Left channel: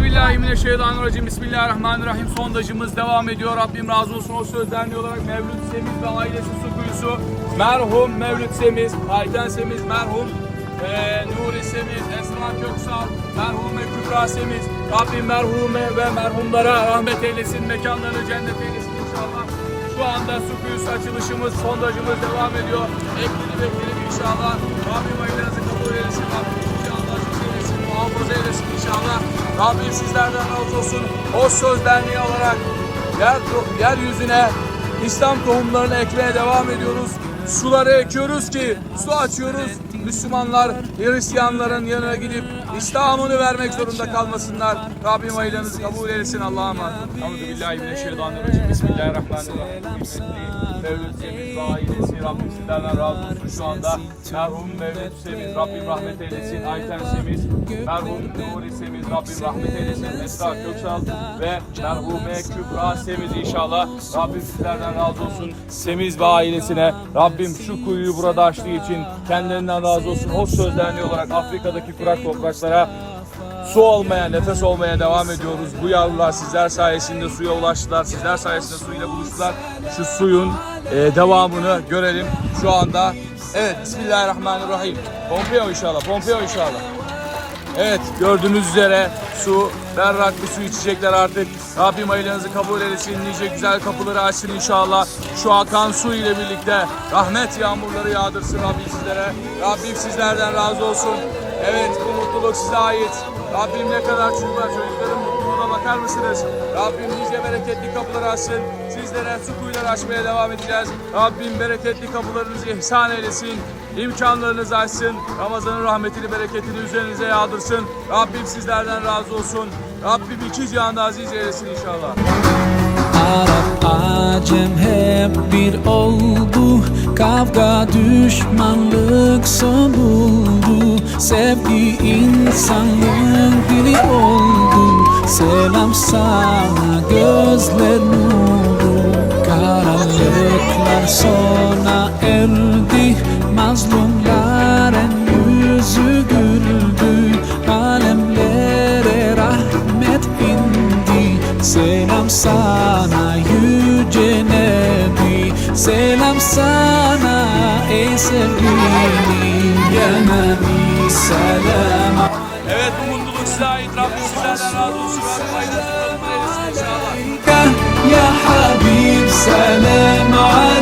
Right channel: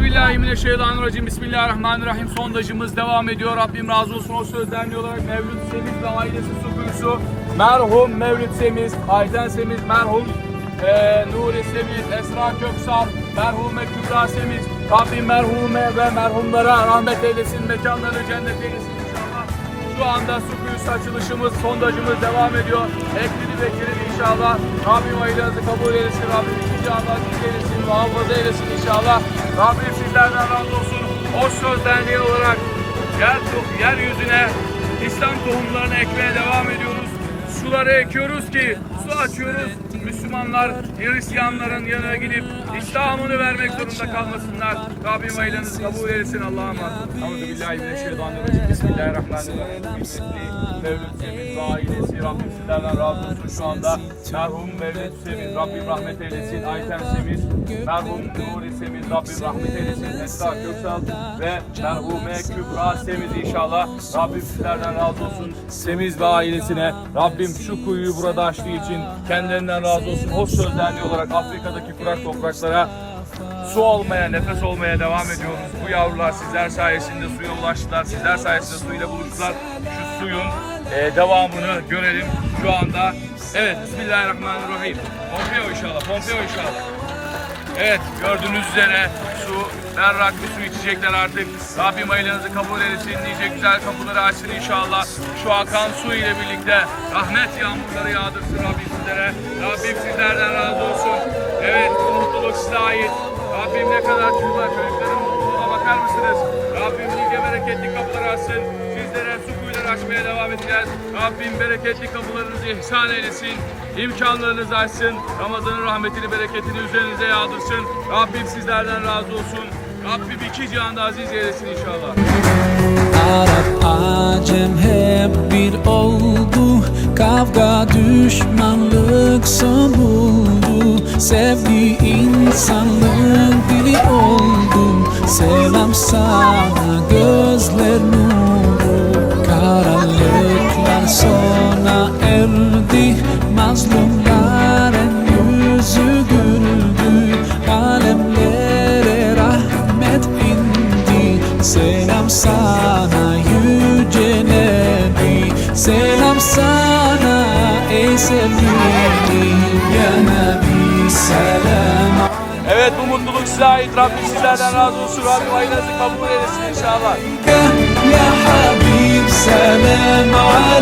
Euzubillahimineşşeytanirracim. Bismillahirrahmanirrahim. Sondajımız devam ediyor. Rabbim razı olsun. O sözlerine olarak Mevlüt Semiz ve ailesi su kuyusu. Merhum Mevlüt Semiz, Ayten Semiz, merhum eee Nuri Semiz, Esra Köksal, merhume Kübra Semiz. Rabbim merhume ve merhumlara rahmet eylesin. Mekanlarını cennet eylesin inşallah. Şu anda su kuyusu açılışımız, sondajımız devam ediyor. Eklili beklili inşallah. Rabbim aylarınızı kabul eylesin. Rabbim inşallah eylesin, muhafaza eylesin inşallah. Rabbim sizlerden razı olsun. O söz derneği olarak yer, yeryüzüne İslam tohumlarını ekmeye devam ediyoruz. Suları ekiyoruz ki su açıyoruz. Müslümanlar Hristiyanların yanına gidip İslam'ını vermek zorunda kalmasınlar. Rabbim aylarınızı kabul eylesin Allah'a emanet. Bismillahirrahmanirrahim. Kıymetli Mevlüt ve ailesi Rabbim sizlerden razı olsun şu anda. Merhum Mevlüt Semiz Rabbim rahmet eylesin. Ayten Semiz, merhum Nuri Semiz Rabbim rahmet eylesin. Esra Köksal ve merhume Kübra Semiz inşallah. Rabbim sizlerden razı olsun. Semiz ve ailesine Rabbim şu kuyuyu burada açtığı için kendilerinden razı olsun. O sözlerli olarak Afrika'daki kurak topraklara su olmaya, nefes olmaya devam ediyoruz. Bu yavrular sizler sayesinde suya ulaştılar. Sizler sayesinde suyla buluştular. Şu suyun e, devamını görelim şu anda. Evet, Bismillahirrahmanirrahim. Pompeo inşallah, Pompeo inşallah. Evet gördüğünüz üzere su, berrak bir su içecekler artık. Rabbim aylarınızı kabul eylesin. Nice güzel kapıları açsın inşallah. Şu akan su ile birlikte rahmet yağmurları yağdırsın Rabbim sizlere. Rabbim sizlerden razı olsun. Evet bu mutluluk size ait. Rabbim ne kadar çocuklar çocukların mısınız? Rabbim nice bereketli kapıları açsın. Sizlere su kuyuları açmaya devam edeceğiz. Rabbim bereketli kapılarınızı ihsan eylesin. İmkanlarınızı açsın. Ramazan'ın rahmetini, bereketini üzerinize yağdırsın. Rabbim sizlerden razı olsun. Rabbim iki cihanda aziz eylesin inşallah. Arap Acem hep bir oldu Kavga düşmanlık son buldu Sevgi insanlığın dili oldu Selam sana gözler nuru Karanlıklar sona erdi. Mazlumların yüzü güldü Alemlere rahmet indi. Selam sana yüce Nebi. Selam sana ey sevgili Ya Nebi. Selam Evet bu mutluluk size ait. Rabbim sizlerden razı olsun. Rabbim aydınlık kabul eylesin inşallah. Ya Habib selam aleyk.